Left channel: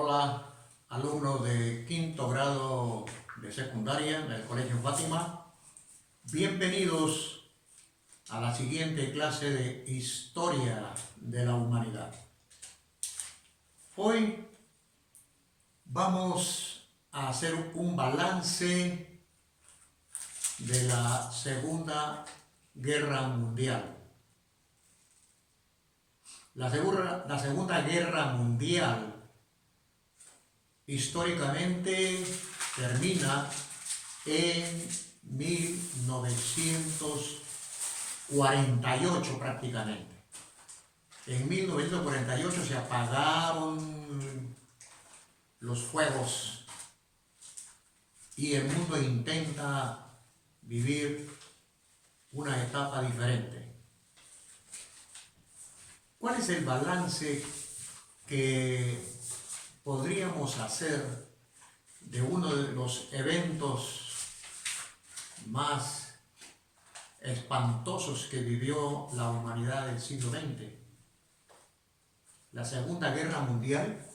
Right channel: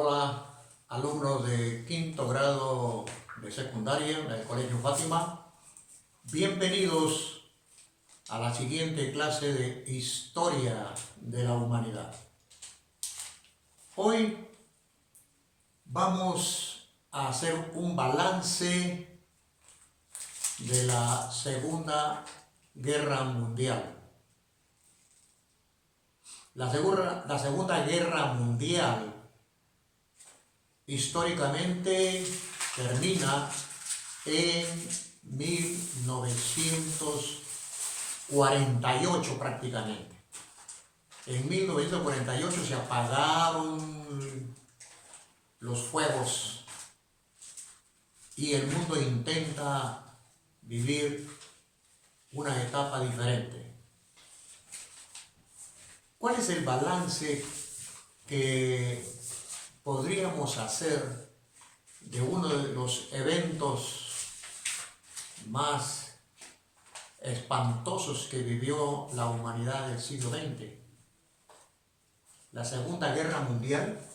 Hola, alumnos de quinto grado de secundaria del Colegio Fátima. Bienvenidos a la siguiente clase de Historia de la Humanidad. Hoy vamos a hacer un balance de la Segunda Guerra Mundial. La Segunda Guerra Mundial históricamente termina en 1948 prácticamente. En 1948 se apagaron los fuegos y el mundo intenta vivir una etapa diferente. ¿Cuál es el balance que podríamos hacer de uno de los eventos más espantosos que vivió la humanidad del siglo XX? La Segunda Guerra Mundial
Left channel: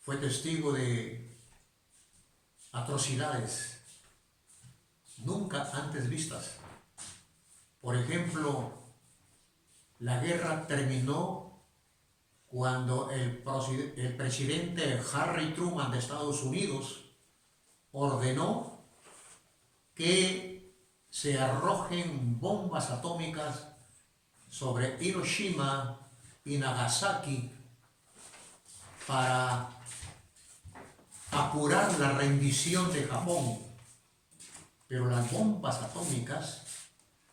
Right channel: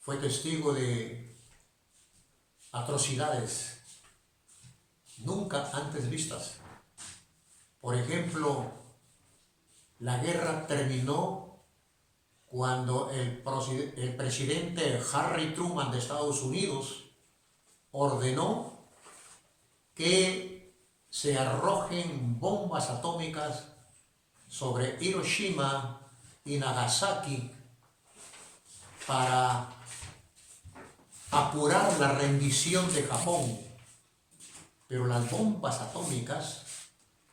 fue testigo de atrocidades nunca antes vistas. Por ejemplo, la guerra terminó cuando el presidente Harry Truman de Estados Unidos ordenó que se arrojen bombas atómicas sobre Hiroshima y Nagasaki para apurar la rendición de Japón. Pero las bombas atómicas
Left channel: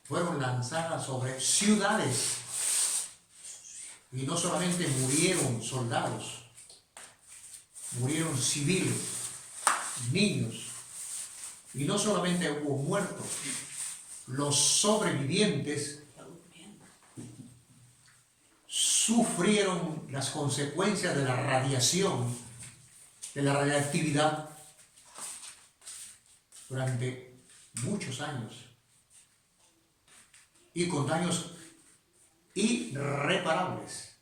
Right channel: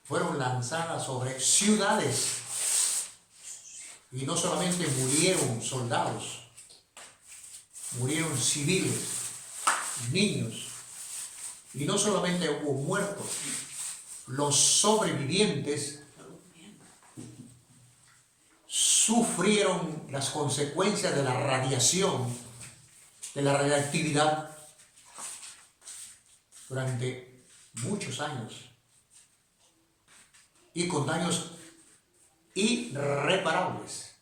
fueron lanzadas sobre ciudades y no solamente murieron soldados, murieron civiles, niños, y no solamente hubo muertos, los sobrevivientes sufrieron las consecuencias de la radiación, de la radiactividad durante muchos años y con daños irreparables.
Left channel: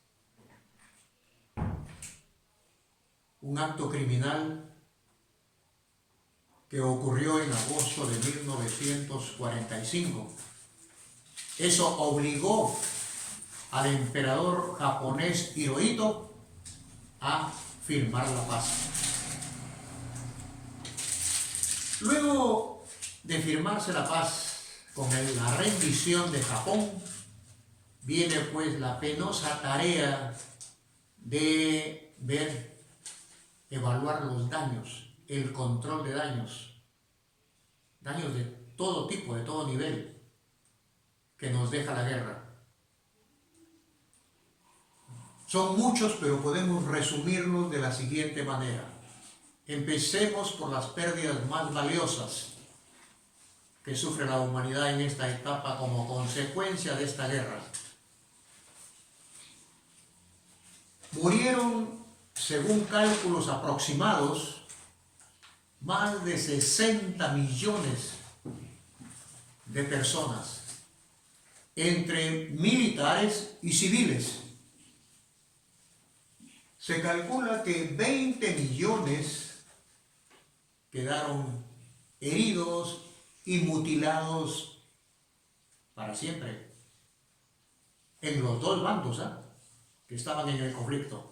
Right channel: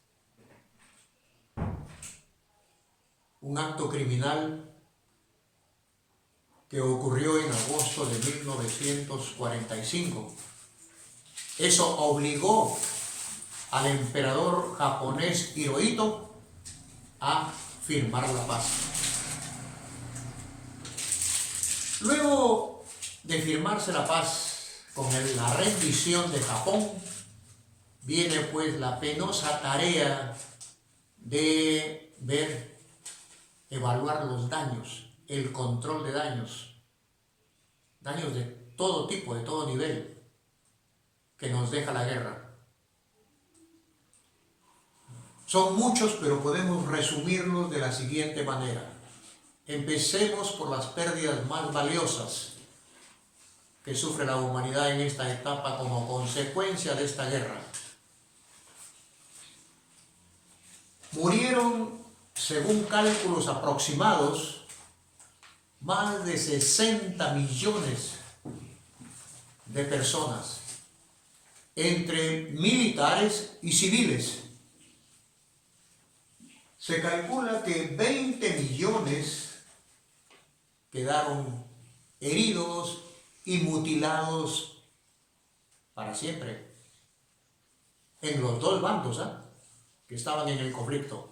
Un acto criminal que ocurrió en agosto de 1945. Eso obligó al emperador japonés Hirohito a firmar la paz. Luego de firmarse la paz con la rendición de Japón, viene pues la penosa tarea de evaluar los daños, el control de daños de todo tipo, de todo nivel, que nos deja la guerra. Son muchos, pero podemos resumirlos de la siguiente manera. Empecemos por las pérdidas más valiosas que sufre la humanidad en esta etapa como consecuencia de esta guerra. Murieron, según cálculos aproximados, más de 60 millones de personas, entre militares y civiles. Se calcula que 20 millones quedaron heridos y mutilados para siempre, en los dos bandos que estaban en el conflicto.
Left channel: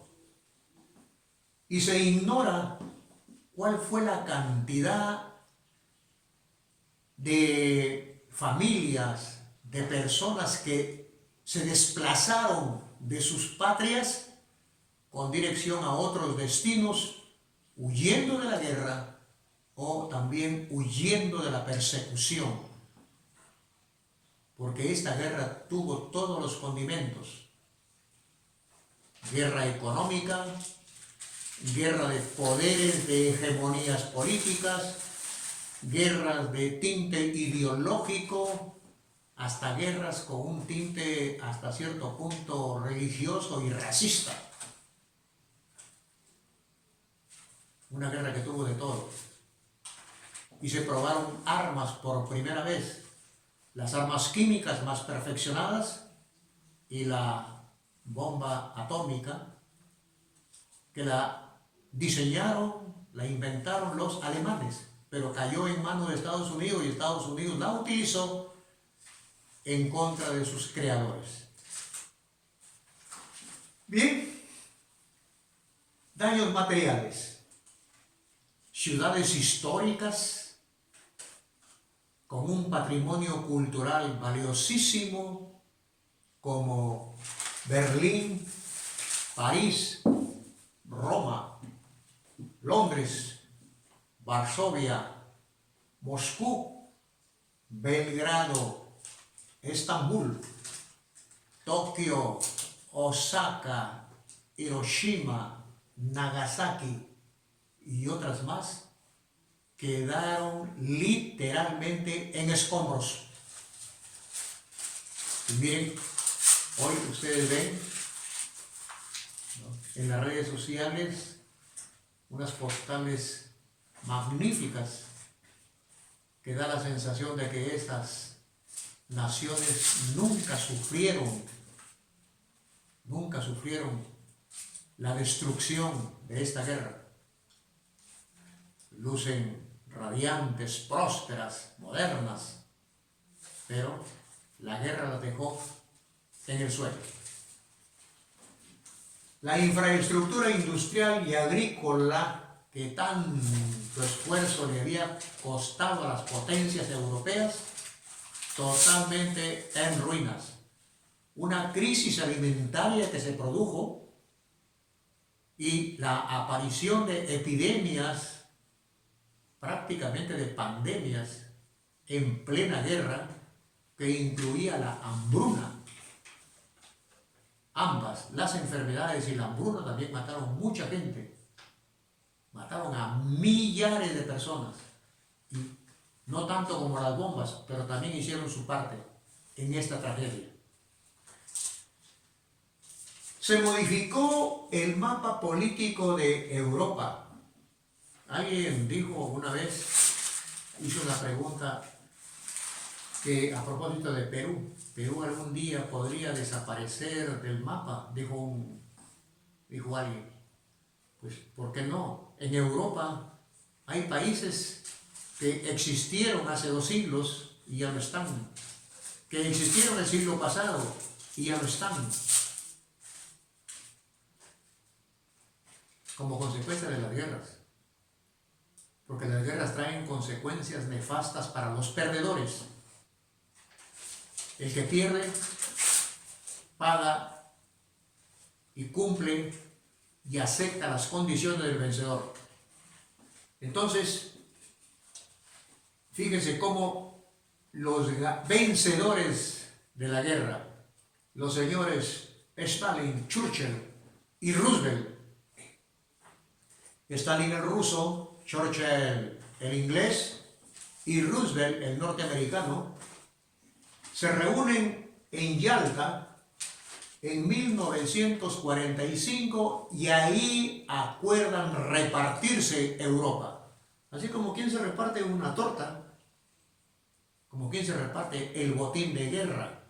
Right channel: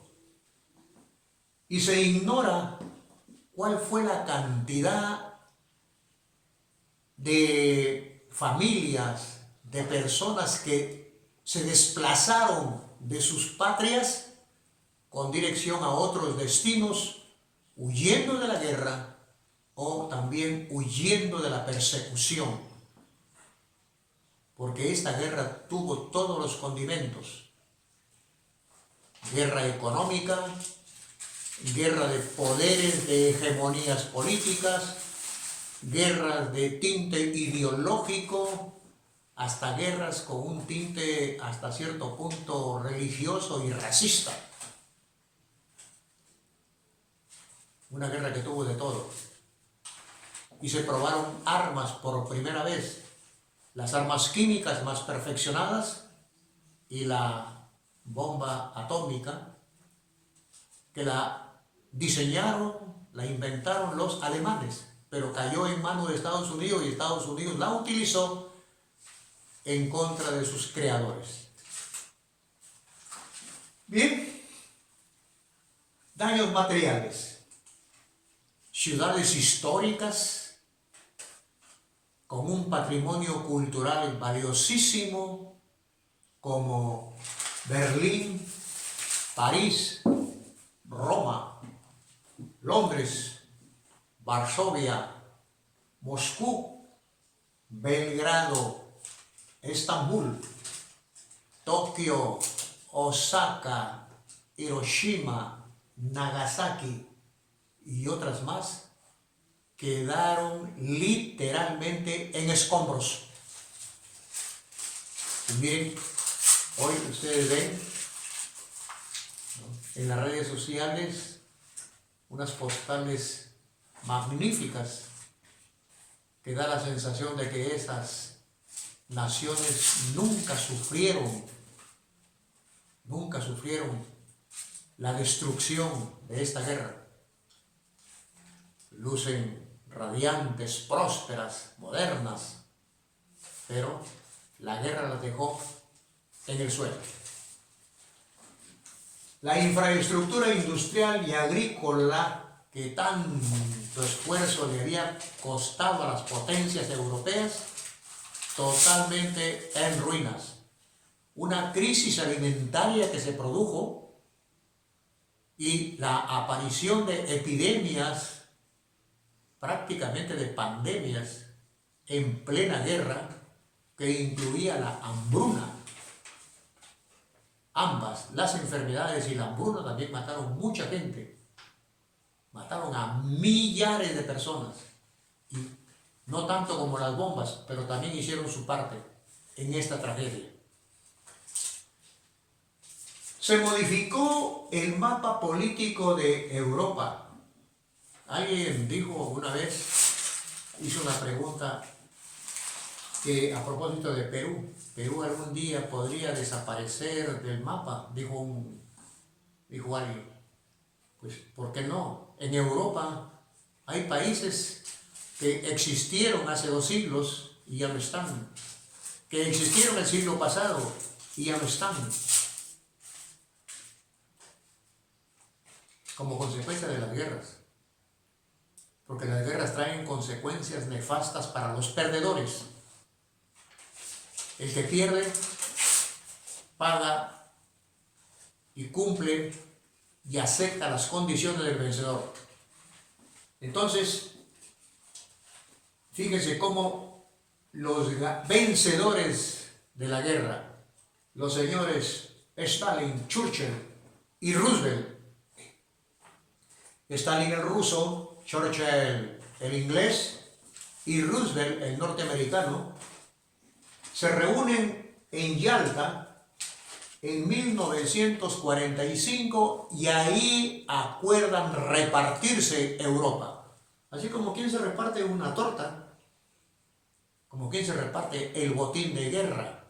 Y se ignora cuál fue la cantidad de familias, de personas que se desplazaron de sus patrias con dirección a otros destinos, huyendo de la guerra o también huyendo de la persecución. Porque esta guerra tuvo todos los condimentos: guerra económica, guerra de poderes, de hegemonías políticas, guerras de tinte ideológico, hasta guerras con un tinte hasta cierto punto religioso y racista. Una guerra que tuvo de todo. Y se probaron armas por primera vez, las armas químicas más perfeccionadas y la bomba atómica que la diseñaron, la inventaron los alemanes, pero cayó en manos de Estados Unidos y Estados Unidos la utilizó en contra de sus creadores. Bien, daños materiales. Ciudades históricas con un patrimonio cultural valiosísimo como Berlín, París, Roma, Londres, Varsovia, Moscú, Belgrado, Estambul, Tokio, Osaka, Hiroshima, Nagasaki y otras más quedaron literalmente en escombros. Y miren, hoy ustedes ven, ¿no?, en las redes sociales unas postales magníficas que da la sensación de que esas naciones nunca sufrieron la destrucción de esta guerra. Lucen radiantes, prósperas, modernas, pero la guerra las dejó en el suelo. La infraestructura industrial y agrícola que tanto esfuerzo le había costado a las potencias europeas, totalmente en ruinas. Una crisis alimentaria que se produjo y la aparición de epidemias, prácticamente de pandemias, en plena guerra, que incluía la hambruna. Ambas, las enfermedades y la hambruna, también mataron mucha gente. Mataron a millares de personas. Y no tanto como las bombas, pero también hicieron su parte en esta tragedia. Se modificó el mapa político de Europa. Alguien dijo una vez, hizo una pregunta que a propósito de Perú, Perú algún día podría desaparecer del mapa, dijo alguien. Pues, ¿por qué no? En Europa hay países que existieron hace 2 siglos y ya no están, que existieron el siglo pasado y ya no están, como consecuencia de las guerras. Porque las guerras traen consecuencias nefastas para los perdedores. El que pierde, paga y cumple y acepta las condiciones del vencedor. Entonces, fíjense cómo los vencedores de la guerra, los señores Stalin, Churchill y Roosevelt, Stalin el ruso, Churchill el inglés y Roosevelt el norteamericano, se reúnen en Yalta en 1945 y ahí acuerdan repartirse Europa. Así como quien se reparte una torta, como quien se reparte el botín de guerra.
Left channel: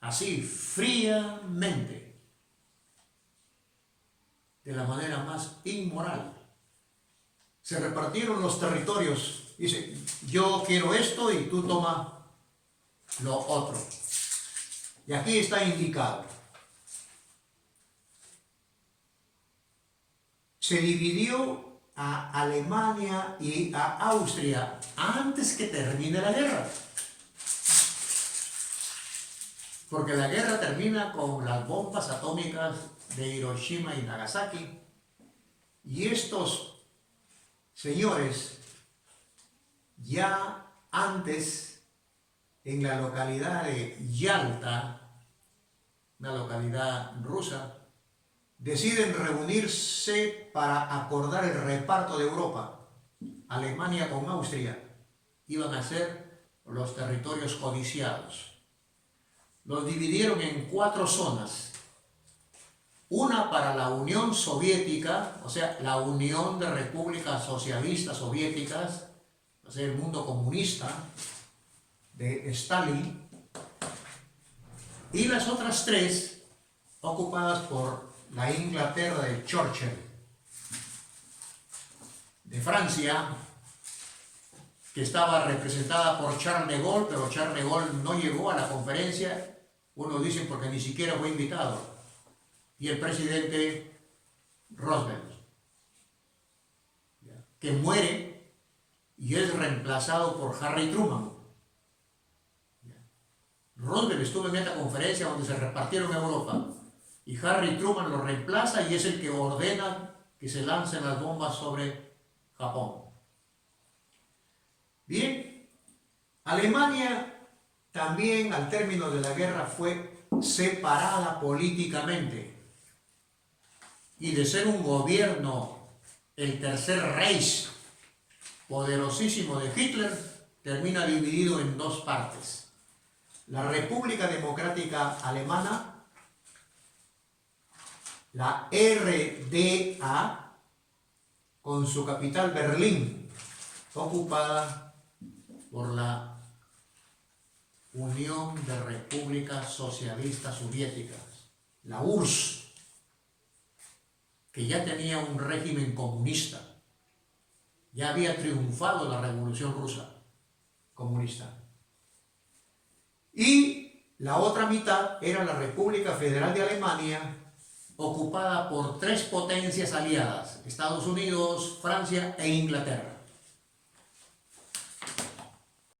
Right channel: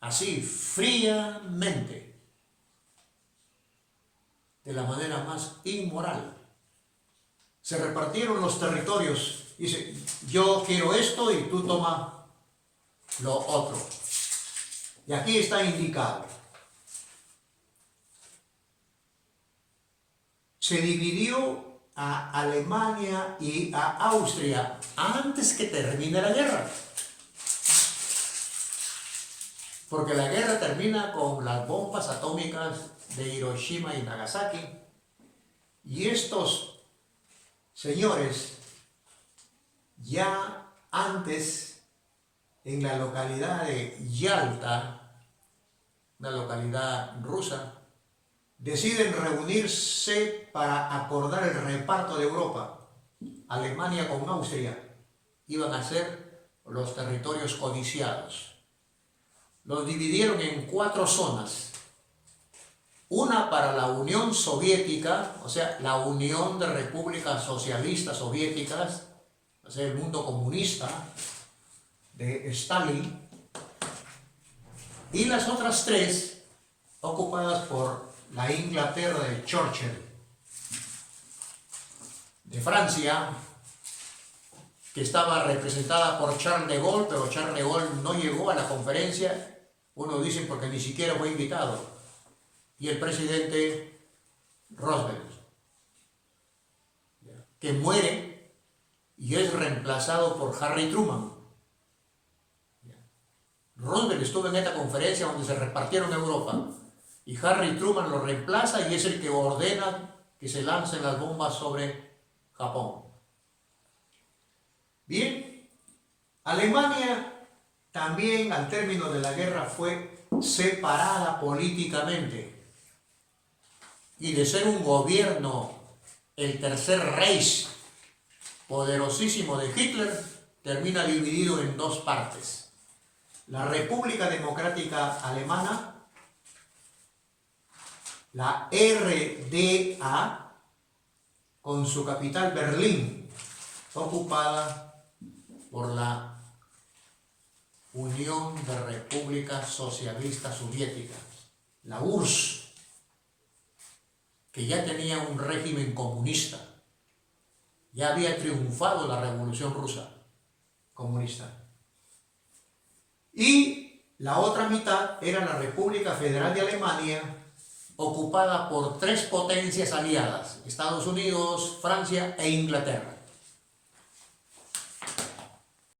Así, fríamente, de la manera más inmoral. Se repartieron los territorios. Dice, yo quiero esto y tú toma lo otro. Y aquí está indicado. Se dividió a Alemania y a Austria antes que termine la guerra. Porque la guerra termina con las bombas atómicas de Hiroshima y Nagasaki. Y estos señores, ya antes, en la localidad de Yalta, una localidad rusa, deciden reunirse para acordar el reparto de Europa. Alemania con Austria iban a ser los territorios codiciados. Los dividieron en 4 zonas. Una para la Unión Soviética, o sea, la Unión de Repúblicas Socialistas Soviéticas, o sea, el mundo comunista de Stalin, y las otras 3 ocupadas por la Inglaterra de Churchill. De Francia, que estaba representada por Charles de Gaulle, pero Charles de Gaulle no llegó a la conferencia, unos dicen porque ni siquiera fue invitado, y el presidente Roosevelt, que muere y es reemplazado por Harry Truman. Roosevelt estuvo en esta conferencia donde se repartieron Europa, y Harry Truman lo reemplaza y es el que ordena que se lancen las bombas sobre Japón. Bien, Alemania también al término de la guerra fue separada políticamente, y de ser un gobierno, el Tercer Reich, poderosísimo de Hitler, termina dividido en dos partes. La República Democrática Alemana, la RDA, con su capital Berlín, ocupada por la Unión de Repúblicas Socialistas Soviéticas, la URSS, que ya tenía un régimen comunista, ya había triunfado la Revolución Rusa comunista. Y la otra mitad era la República Federal de Alemania, ocupada por tres potencias aliadas, Estados Unidos, Francia e Inglaterra.